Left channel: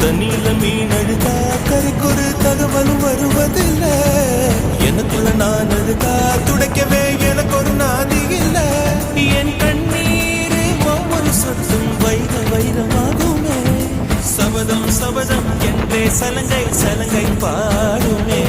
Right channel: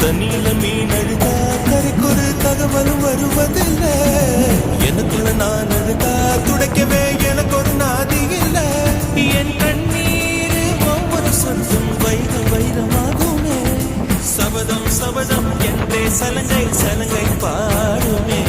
தண்ணியில மீன் அழுதா கரைக்கொரு தகவலும் வருவதில்லை. எனக்குள்ள நான் அழுதா துடைக்கவே எனக்கு ஒரு நாதி இல்லை. என் கண்ணீர் ஒவ்வொரு சொட்டும் வைர வைரமாகுமே. சபதம் சபதம் என்றே சலங்கை சலங்கை பாடுமே.